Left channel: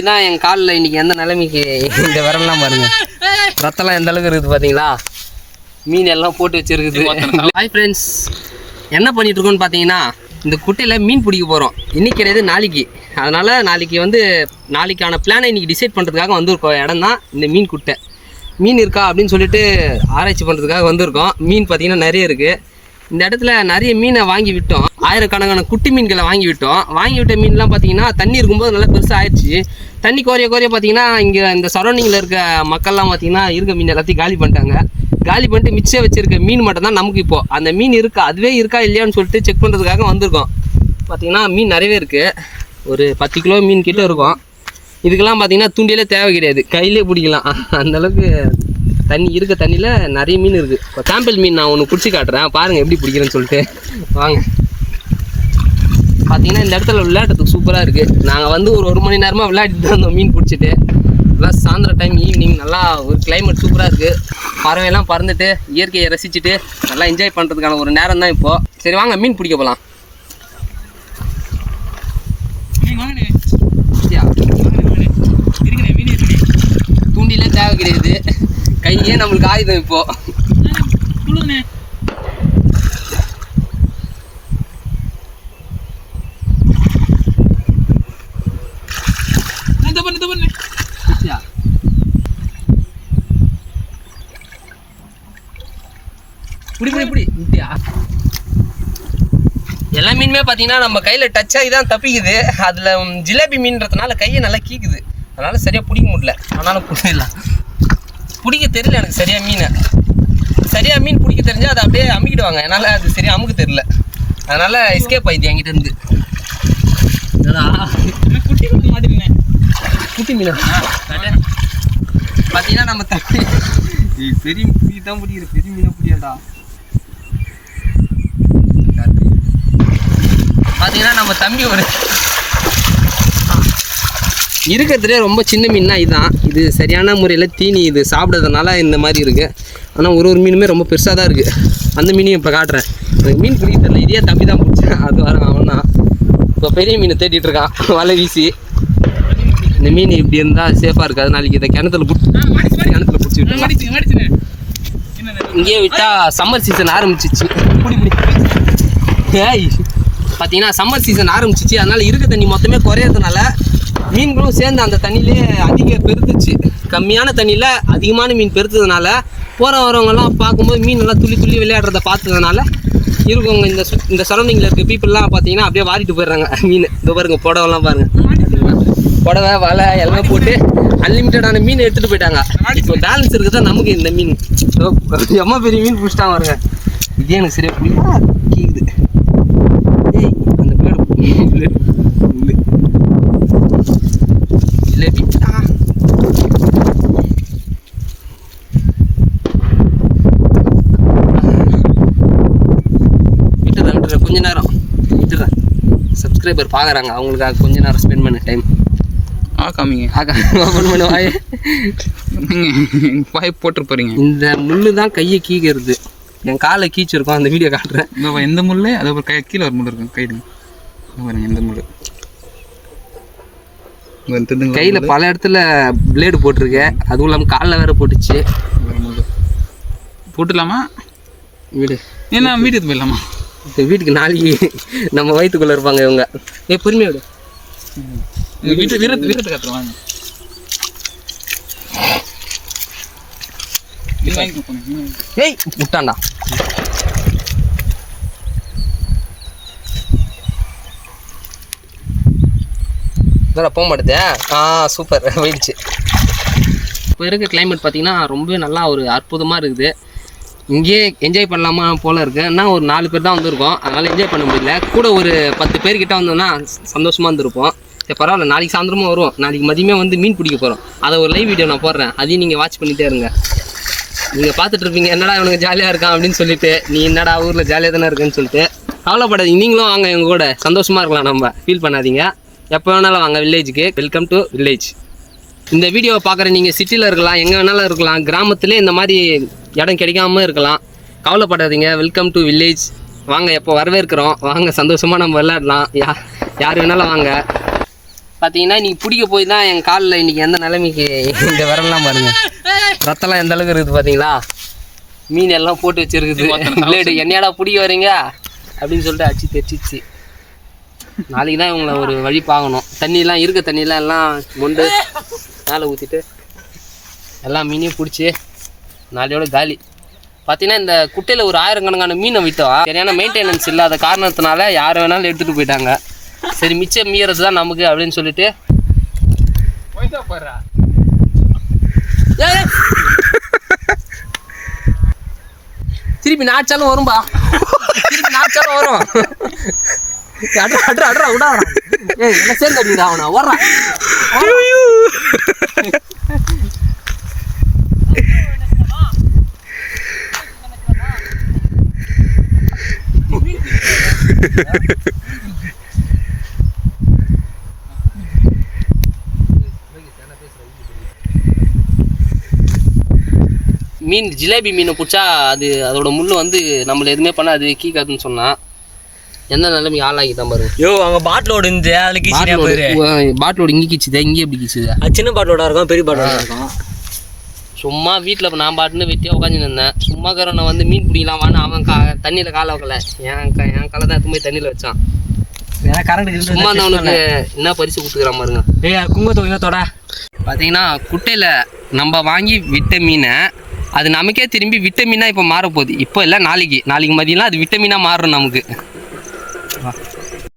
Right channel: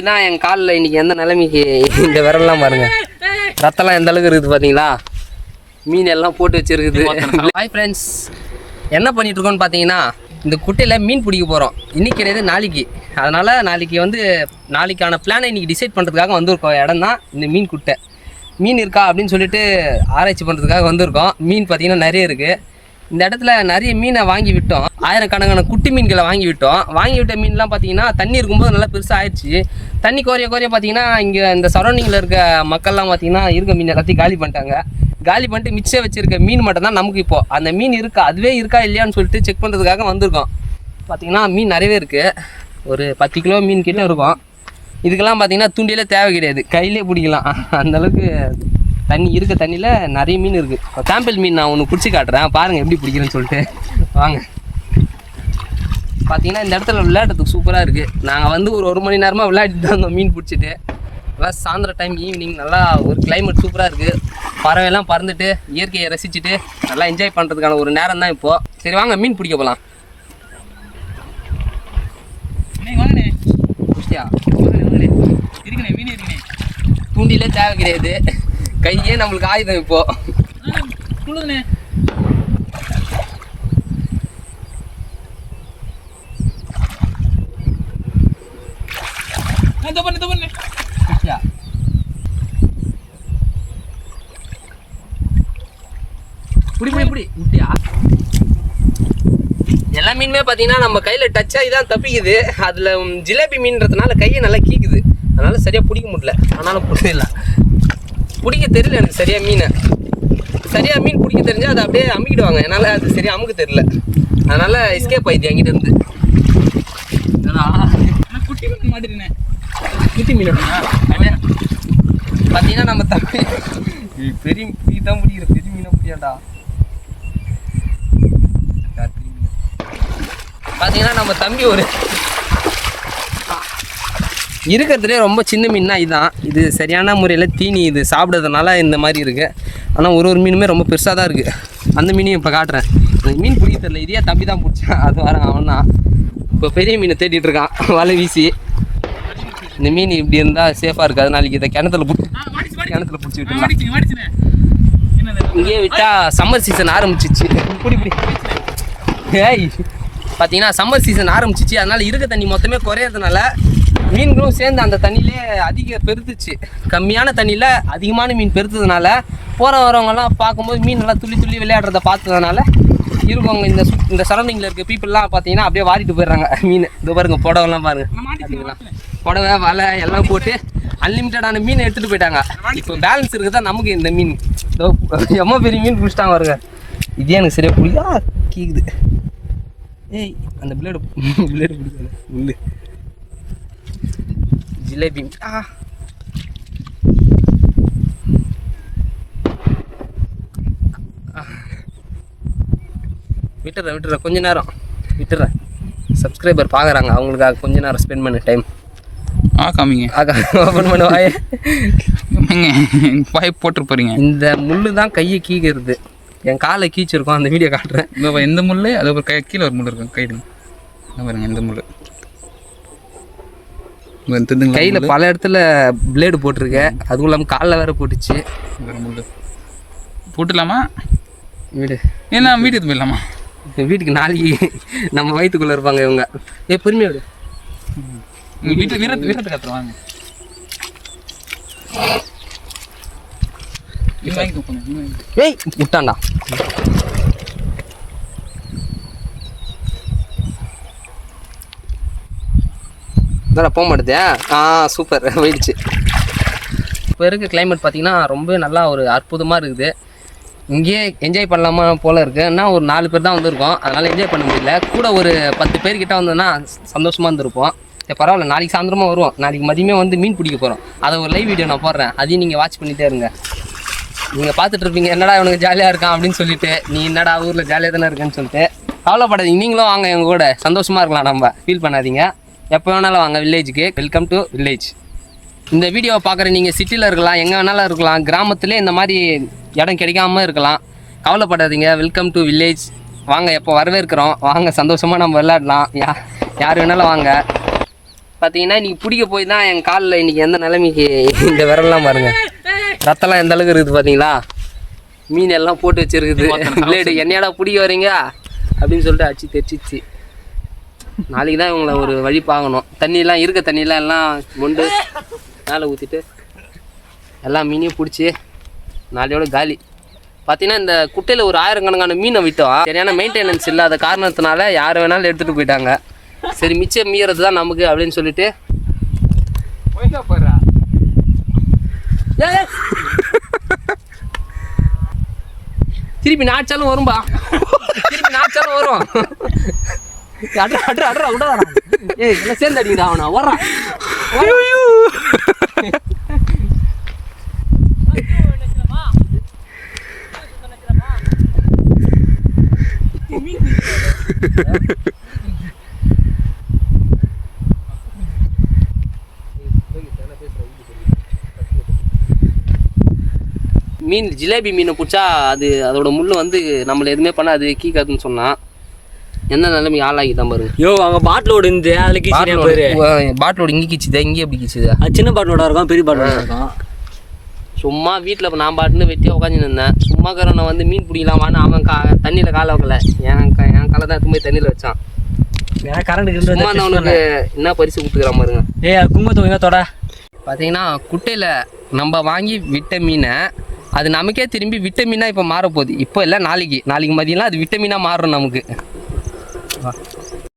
இதான் என் காலில் இன்னைக்கு எந்த நிலைமைக்கு இந்த விரல்லாம் பாருங்க. ரத்தம்லாம் எந்த அளவுக்கு இருக்குது பார்த்தீங்களா மீன் எல்லாம் போட்டு வச்சிருக்குது. ஹாய் ஃப்ரெண்ட்ஸ் என்ன பண்ணிட்டு இருக்கோம்னு பார்த்தீங்கன்னா இந்த குட்டையில் மீன் பிடிக்க போகிறோம் இன்னைக்கு கிடையாது நாளைக்கு. அதனால் நாளைக்கு வந்து நாளைக்கான பிளானை இன்னைக்கு டிசைட் பண்ணுறதுக்காக வந்திருக்கோம். இடம் தான் இந்த மீன் குட்டை. மீன் இருக்கா அப்படின்னு சொல்லிட்டு ஆராய்ச்சி பண்ணுறதுக்காக வந்திருக்கோம். மீன் பார்த்தீங்கன்னா நிறைய இருக்குது இந்த இடத்துல நிறைய மீனை வாங்கி விட்டோம். ஆயிரக்கணக்கான குட்டி மீன்களை வாங்கி விட்டோம். வாங்கி விட்ட மீன்லாம் பார்த்தீங்கன்னா தண்ணி இருக்கும்போது நல்லா பெருசாக ஆயிடுச்சு. தண்ணி குறைய குறைய பார்த்தீங்கன்னா இங்கே இந்த சரௌண்டிங்கில் இருக்க மக்கள்லாம் பார்த்தீங்கன்னா இருக்க மீன் எல்லாத்தையும் காலி பண்ணிட்டாங்க. காலி பண்ணிட்டு மிச்சம் வச்சிருக்க மீன் மட்டும் தான் நமக்கு இப்போது அந்த மீன் இருக்கா அதுவே இருக்கா இல்லையான்னு சொல்லிட்டு செக் பண்ணுறதுக்காக வந்திருக்கோம். பார்த்தீங்கன்னா மீன் நிறையவே இருக்குது ஒரு பத்து கிலோ மீன் கிட்ட இருக்கும். இதுக்கெல்லாம் பார்த்தீங்கன்னா தூண்டிலே தேவை கிடையாது. கையிலே பிடிக்கலாம். அந்தளவுக்கு தண்ணி இருக்க தண்ணியில் நிறைய மீன் இருக்குது இப்போ சாம்பிள் மீன் நான் ஒன்று பிடிச்சி காட்டுறேன். பாருங்கள் எப்படி பிடிக்கிறேன்னு சொல்லிட்டு. வாங்க. பார்த்தீங்கன்னா இந்த இடத்துல விளையாடுறதுக்கு சூப்பராக இருக்குது நாங்கள் வந்து ஒரு ஒரு மணி நேரமாக விளையாடிட்டு தான் இருந்தோம் மீன் பிடிச்சிட்டு. நல்லா சாயந்தரம் டைம் ஈவினிங் நல்லா ஒரு கிளைமேட் சூப்பராக இருக்குது பறவையெல்லாம் பறந்துட்டு இயற்கையை ரசிச்சுட்டு நல்லா என்ஜாய் பண்ணுறதுக்கான ஒரு நேரம் தான் இப்போது சரி வாங்க மீன் பிடிக்க போகலாம் தூண்டிலே தேவை கிடையாது. கையே நம்மளுக்கு ஆயுதம் இப்போ பிடிச்சியா? புடி புடி புடி இப்படியா எல்லா மீனுமே பார்த்தீங்கன்னா நம்ம கையில் டச் ஆகி தான் தப்பிக்குது அதில் ஜிலேபி மீன்றதுனால கையை நல்லா கீக்குது அதனால சரியாக பிடிக்க முடியல ஆனாலும் பிடிக்கல பிடிக்க தெரியல எனக்கு சரியாக மீனை சரியாக மீன் பிடிக்க தெரிஞ்சால் அதை அப்படியே அமுக்கிடுவாங்க என்னால் அது சரியாக அமுக்க தெரியல அதனால் எஸ்கேப் ஆயிடுது என்கிட்ட இருந்து என்னடா குட்டி மீன். பார்த்தீங்கன்னா நம்ம தம்பி பெரிய மீன் தான் பிடிக்கிற பெரிய மீனை பிடியாண்டா பார்த்தீங்கன்னா நம்ம தம்பி ஒரு இருக்கிறதுலே ரொம்ப சின்ன மீன்னா இதுதான் இது சரியான முறையில் தீனி இது சாப்பிட்றதுனால இந்த மாதிரி இருக்கு. ஆனால் ஒரு ஒரு மீனுமே ரொம்ப பெருசாக தான் இருக்குது அந்த மீனையும் இப்போ காட்டுறேன். இந்த மீன் பிடிக்க தெரியல இதே தம்பி தான் பிடிச்சான் அது வர அவன் தான். இப்போ பெரிய மீனை தேடிட்டு இருக்கான் வலை வீசி. இந்த மீன் இப்படி இருந்தால் சேஃபாக இருக்காது. நாளைக்கு இதை கிணத்துல பிடிச்சி கிணத்துல பிடிச்சி விட்டுலாம் இங்கேயே விட்டா சம்மர் சீசன் ஆரம்பிச்சிச்சு. குடி குடி ஏய் பார்த்தீங்கன்னா சம்மர் சீசன் ஆரம்பிச்சிச்சு. அதனால இருக்க தண்ணி மொத்தமே குறையறதுனால மீன்களும் சேர்ந்து அந்த தண்ணியிலே அதிக பெருத்துச்சு. கம்மியான தண்ணியில் அதிகமான மீன் பெருத்ததுனால போகிற வரவங்கலாம் பார்க்கும்போது மீன் நல்லா துள்ளி துள்ளி விளையாடுறத பார்த்ததுனால இருக்கவங்க இந்த சு இந்த சரௌண்டிங்கில் இருக்க பீப்புளெலாம் பார்த்தீங்கன்னா அப்படியே வாடிட்டு போயிடுறாங்க. மீன். இது பாருங்க புடவெல்லாம் பாருங்க. புடவை வலை எல்லாம் போட்டு அன்லிமிட்டடான மீன் எடுத்துகிட்டு போயிட்டாங்க. இப்போ பேலன்ஸ் இருக்குதா? நமக்கு இந்த மீன். எம்மா பெரிய மீன் பிடிச்சிட்டாங்க வருங்க இதே எனக்கு சரியாக புரியுதா கேக்குது. ஏய் அந்த பிளேடு இல்லை விட்டுறேன் விட்டுறேன் கொஞ்ச நேரம். விட்டுறேன் சப்ஸ்கிரைபர் பார்க்குறாங்க அவங்களுக்காக கொஞ்ச நேரம் ஸ்பெண்ட் பண்ண டைம் காமிங்க ஓப்பன் பண்ண வாய். பாய் போட்டு போறீங்க? இந்த முள்ளு தான் கையை கீக்கிறது என் காலை கீச்சிருக்கோம் அந்த வீடியோ காட்டுறேன். இந்த இந்த முள்ளு அது ஒரு கை கீழே ஒரு முள் இருக்கும் கைடு பாருங்க இந்த முள் கையில் பல இடத்துல பிளேடு போட்டிருக்கேன். அதுவும் இல்லாமல் காலில் வேற போட்டுச்சு. போட்டுடலாமா? வீடு. ஏன்னா வீட்டுக்கு போயிடலாமா? இப்போ வீட்டுக்கு நாளைக்கு நம்ம வயிற்றுக்குள்ளே இருப்பாங்க இவங்க. ஏ பொறுமையா விடு. வீட்டு வீரத்து வீரத்து காட்டுறேன் வாங்க. ஏய் விட்டான்டா இதெல்லாம் போக மாட்டேதே? ஆ சூப்பர் போயிடுச்சு. இப்போ இருக்க கிளைமேட் பார்த்தீங்கன்னா ரொம்ப நல்லா ஒரு அற்புதமாக இருக்குது. இங்கேயே என்ஜாய் பண்ணலாமா போல இருக்கு. என்ன ஒரு நாலு பேர் தான் வந்திருக்கோம். அதனால் என்ஜாய் பண்ண முடியல. கூட ஒரு பத்து பேர் கிட்ட வந்தோம்னா சந்தோஷமாக இருந்திருப்போம். சரி பரவாயில்ல நாளைக்கு சாயந்தரமா வருவோம். நாளைக்கு மதியமே வந்து மீன் பிடிக்க போகிறோம் அதை ஒரு லைவ் வீடியோ நான் போடுறேன். அதையும் நீங்கள் வாட்ச் பண்ணிட்டே இருங்க. நீங்கள் பார்த்துட்டு இருப்பீங்க என்னடா இவனுக்கு ஜாலியாக இருக்கான்? அப்படின்னு சொல்லிட்டு நீ என்னடா ஊரில் ஜாலியாக தானே இருக்கேன்னு சொல்லிட்டு. கவலைப்படாதீங்க. நீங்களும் வாங்க எங்கள் கூட. சந்தோஷமாக இருக்கலாம் நம்ம. ஃபீல் பண்ணாதீங்க. எப்போ வேணாலும் வாங்க வில்லேஜுக்கு வெல்கம் டு வில்லேஜ் இந்த வீடியோவை பார்க்குற நீங்கள் சிட்டியில் இருக்கலாம் எங்கே வேணாலும் இருக்கலாம் கிராமத்துலேயே இந்த மாதிரி இடம் கிடைக்காம இருக்கலாம். கவலைப்படாதீங்க. வெல்கம் டு வில்லேஜ் வாங்க எப்போ வரவேற்கிறோம். வாங்க சந்தோஷமாக நம்ம விளையாடலாம். யா யார் வேணாலும் வாங்க. பார்த்தீங்கன்னா இன்னைக்கு பிடிக்க போய் தான் என் காலில் இன்னைக்கு எந்த நிலைமைக்கு இந்த விரல்லாம் பாருங்க. ரத்தம்லாம் எந்த அளவுக்கு இருக்குது பார்த்தீங்களா மீன் எல்லாம் போட்டு வச்சிருக்குது. பிளேடு என்னையாடா பிடிக்க வரீங்க அப்படின்னு சொல்லிட்டு அச்சு தெரிச்சிச்சு நாளைக்கு தான் இவங்களை ஒரு வழி பார்க்கணும். தண்ணியெலாம் இருக்க தண்ணியெலாம் எல்லாம் முண்டு மேலே ஊற்றிட்டு எல்லா மீனையும் பிடிச்சி நாளையோட காலி. பார்த்தீங்கன்னா இந்த குட்டையில் ஒரு ஆயிரக்கணக்கான மீனை விற்றோம் சரியான மெயின்டெனன்ஸ் இல்லாத காரணத்தினால யார் வேணாலும் எடுத்துகிட்டு போயிட்டாங்க. சரி மிச்சம் மீறது தான் நமக்கு அப்படின்னு சொல்லிட்டு. திருப்பி நாச்சாலும் வரும்பா. திருப்பி நாச்சாலும் வரும். அட்ரா அட்ரா அட்ரா விடா ஏய் என்ன சேர்ந்து அடிக்கிறா அவனா வர்றான் மீன் ஜிலேபி மீனை பிடிச்சா அது அதோட முள் வந்து நம்மள எதுவுமே பண்ணாது கீக்காதுன்னு சொன்னான் என்ன நிலைமைக்கு ஆளாகிட்டான் பாருங்க யோ அங்க பாட்டிலோட இருந்து அதுல கீச்சினா பேரு. பாட்டிலோட இங்கே கிச்சுதா இங்கே எப்படி கிச்சுதா? அது சின்ன பாட்டிலோட இருக்கும் பெரிய பாட்டிலோட இருக்கும். சும்மா வீட்டில் நான் பாட்டுன்னு வெட்டியாக உட்காந்து இருந்தேன். சும்மா கரனை வந்து மீன் பிடிக்கலாமான்னு அவன் கா தண்ணியில் காலை வைக்கல. என் க என் காலை தான் எடுத்து போய் தண்ணியில் வச்சான். வேற கரண்ட் சும்மா அந்த அவனுக்கு என்ன பரிசு கொடுத்துக்கிறான் பாருங்க. ஏய் குங்குமத்தோட தொட. பார்த்தீங்கன்னா குட்டையில் நம்ம வாங்கி விட்ட மீனை அது நமக்கே திரும்பி விட்டமினாக இப்போ மாறப்போகுது. இப்போ இல்லை நாளைக்கு. நாளைக்கு மதியம்லாம் அது விட்டமினாக மாறும் நமக்கு.